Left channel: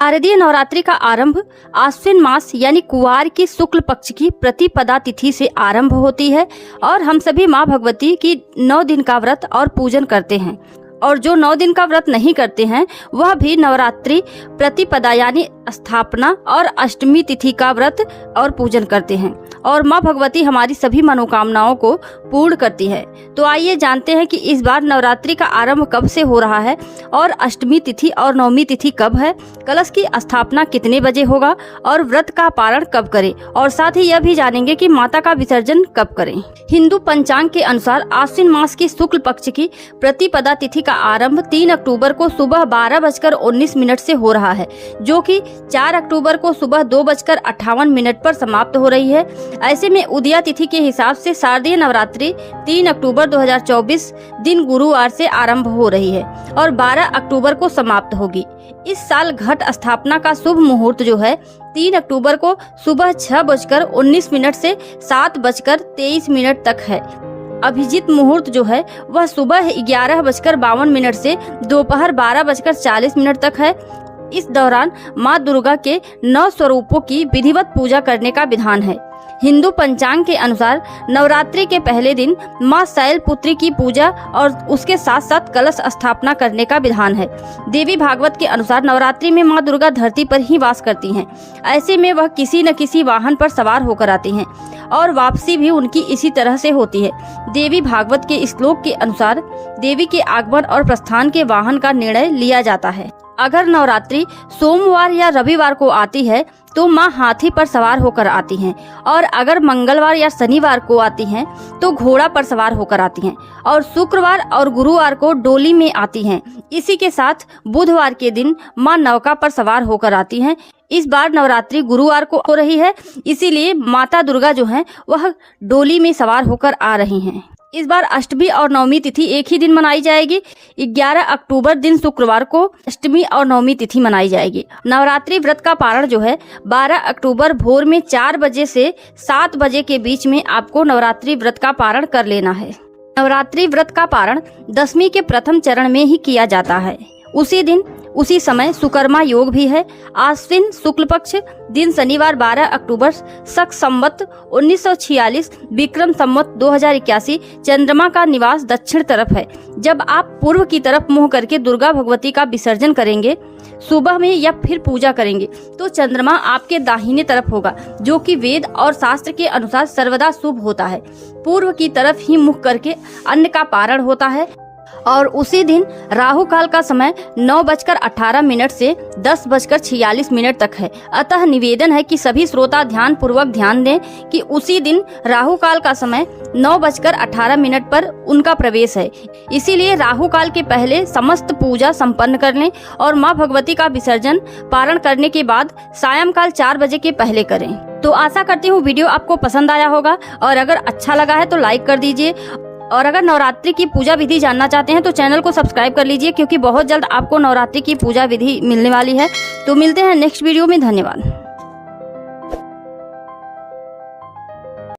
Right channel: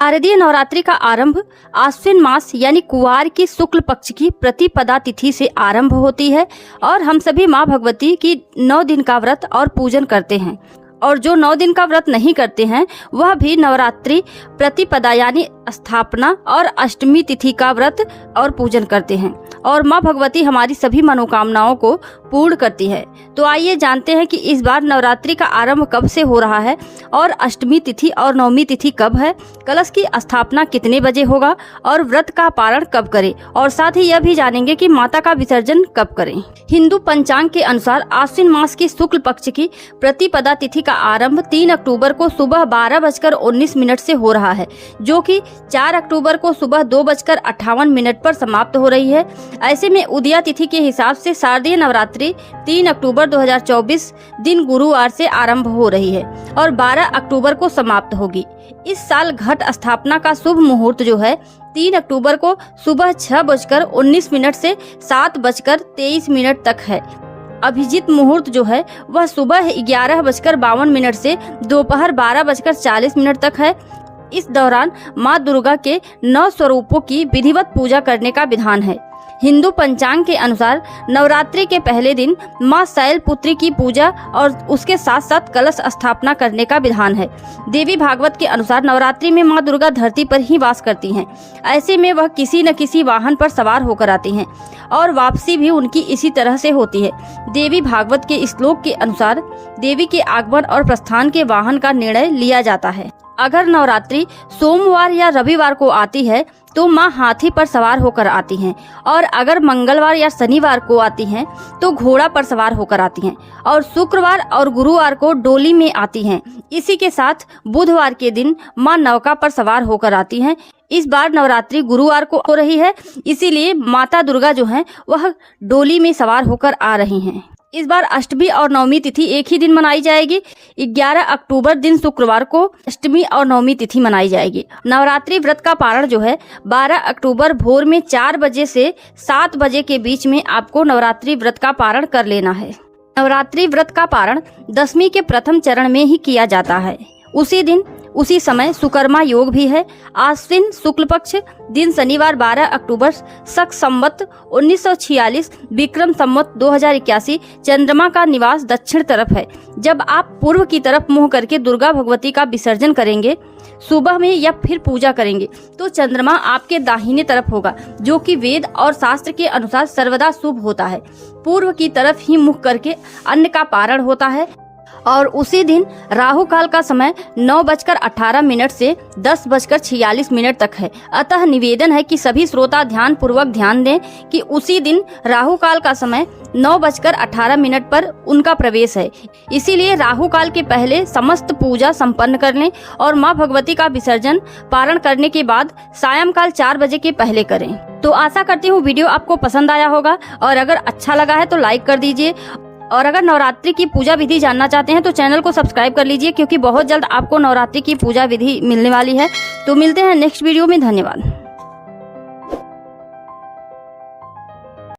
शारदीय नवरात्रि का आरंभ आश्विन मास यानी कुवार की शुक्ल पक्ष की प्रतिपदा तिथि से आरंभ होती है और हम सभी माँ भगवती की 9 दिन का व्रत और पूजन करते हैं। और जो 9 दिन का व्रत नहीं करते हैं वह भी नवरात्रि प्रतिपदा यानी स्थापना और अष्टमी तिथि का व्रत और पूजन करते हैं और माँ भगवती हमारी सभी मनोकामनाओं को पूर्ण करती है। तो आइए जानते हैं कि इस बार नवरात्रि का आरंभ कब से हो रहा है और अष्टमी तिथि और नवमी तिथि कब है, कलश की स्थापना कितने बजे होगा और व्रत का पारण कब करें, और साथ ही यह भी जानेंगे कि माता का विसर्जन कब करें। हिंदू पंचांग के अनुसार आश्विन मास की शुक्ल पक्ष की प्रतिपदा तिथि का आरंभ 3 अक्टूबर को सुबह 12:19 से हो रहा है, जो कि 4 अक्टूबर को सुबह 2:58 पर समाप्त हो रही है। ऐसे में उदया तिथि के हिसाब से शारदीय नवरात्रि 3 अक्टूबर 2024 दिन गुरुवार से आरंभ हो रही है और 12 अक्टूबर को समाप्त होगी। इस साल घट स्थापना का शुभ मुहूर्त जो है 3 अक्टूबर को सुबह 6:19 से 7:23 तक है। अभिजीत मुहूर्त जो है वह सुबह 11:52 से दोपहर 12:40 तक है। इस दौरान माँ दुर्गा के 9 स्वरूपों की विधिवत पूजा करने का विधान है। हिंदू पंचांग के अनुसार नवरात्रि के पहले दिन माँ शैलपुत्री की पूजा और उसके साथ साथ कलश स्थापना करने का विधान है। देवी भागवत के अनुसार नवरात्रि में माँ दुर्गा धरती पर ही वास करती हैं। ऐसे में वह किसी न किसी वाहन पर सवार होकर आती हैं और वापसी भी उनकी इसी तरह से होती है। देवी भागवत के श्लोक के अनुसार देवी के आगमन और प्रस्थान के वाहन का निर्णय लिया जाता है। अगर नवरात्रि सोमवार या रविवार को आती है तो माँ हाथी पर सवार होकर आती हैं, और अगर मंगलवार या शनिवार को आती हैं तो घोड़ा पर सवार होकर आती हैं, और शुक्रवार और गुरुवार को डोली में आती हैं। इसी के साथ बुधवार के दिन माँ नौका पर सवार होकर आती हैं। इस बार नवरात्रि गुरुवार को हो रही है, इसीलिए माता दुर्गा जो है वह डोली में सवार होकर आ रही हैं। इस बार अष्टमी और नवमी तिथि एक ही दिन मनाई जाएगी। 11 अक्टूबर दिन शुक्रवार को अष्टमी और नवमी तिथि मनाई जाएगी। नवरात्रि व्रत का पारण जो है 12 अक्टूबर भोर में 4 बजे से 7 बजे के बीच में आपको नवरात्रि व्रत का पारण कर लेना है। नवरात्रि व्रत का पारण दशमी के प्रथम चरण में ही किया जाता है। उसी समय सुकर्मा योग भी है। आश्विन शुक्ल पक्ष दिन शनिवार 12 अक्टूबर शक संवत 1946 विक्रम संवत 2081 चंद्रमा का निवास दक्षिण तरफ है। जब आप पूर्व की तरफ मुंह करके दुर्गा भगवती का विसर्जन करेंगे सुबह में या फिर पूजा करेंगे तो चंद्रमा आपके दाहिने तरफ होगा, जो कि वेद और शास्त्र के अनुसार सर्वदा शुभ होता है। पूर्व की तरफ ही मुख करके अन्न का पारण होता है और उसी दिन राहु काल का समय 9:18 से 10:46 तक है। अतः निवेदन है कि सभी श्रोता ध्यान पूर्वक ध्यान दें कि उसी दिन राहु काल का समय 9:18 पर उनका प्रवेश है। इसीलिए राहु काल के पहले समस्त पूजा संपन्न कर लें और माँ भगवती का विसर्जन पारण करने के बाद सायंकाल 4 बजे के पहले करें। तो आशा करती हूँ वीडियो आपको पसंद आया होगा, और अगर अच्छा लगा है तो लाइक कर दीजिए, और अगर नवरात्रि की पूजा विधि जानना चाहते हैं तो चैनल को सब्सक्राइब कर लीजिए, क्योंकि बहुत जल्द आपको नवरात्रि की पूजा विधि मिलने वाली है। तो मिलते हैं नेक्स्ट वीडियो में। धन्यवाद।